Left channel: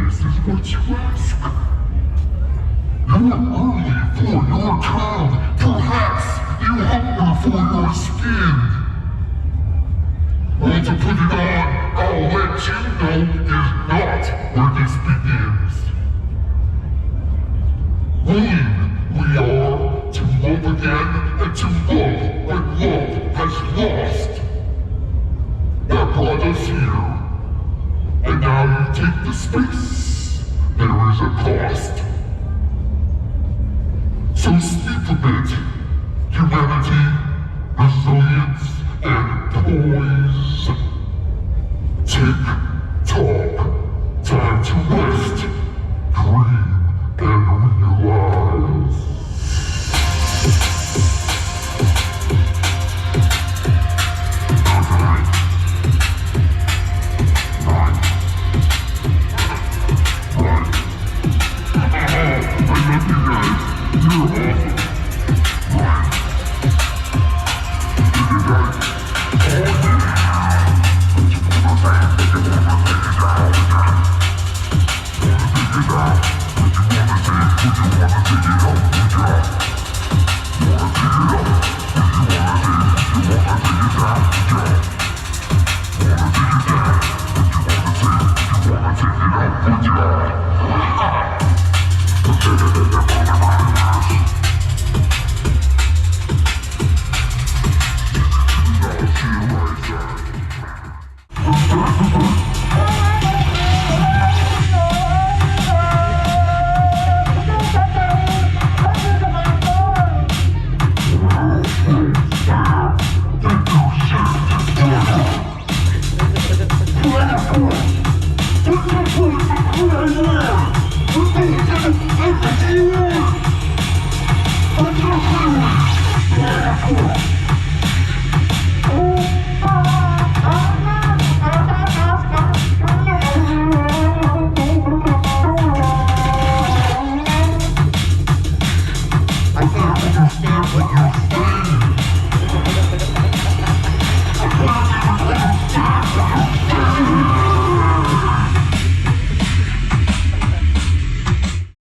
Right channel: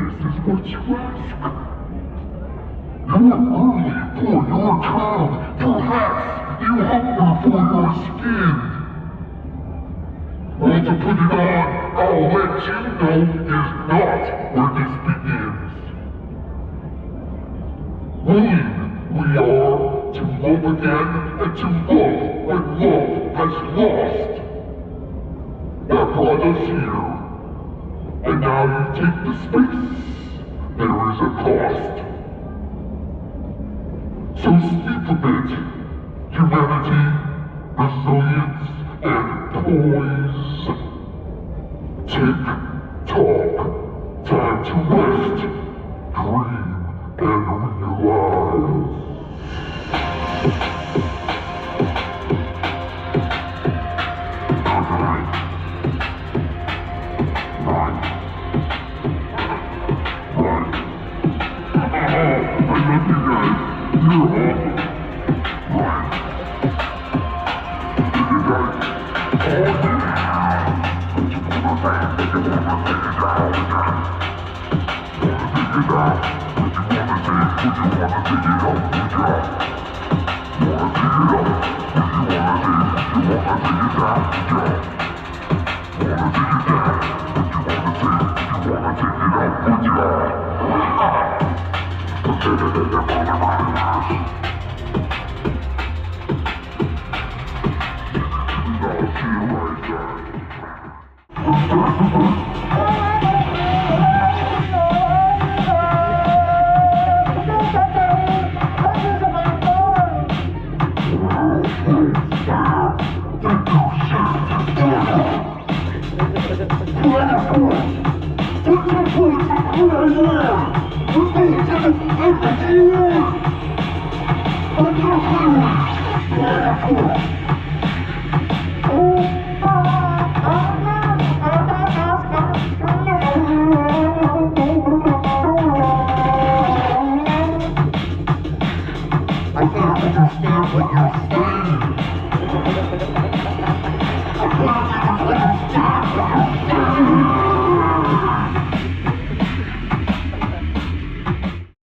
this is what you ask. You're early for your turn. Perhaps you hunger for your skin. Want to put it on? I'll let you know is not where this begins. Willing we are to love again and to love when love has lost. That brought us here. And now you take the space. There is a cost. So sleep a bit. Humanity, resilience, and poise. Tick, tock. Time to rest, dream, and realize. Yeah.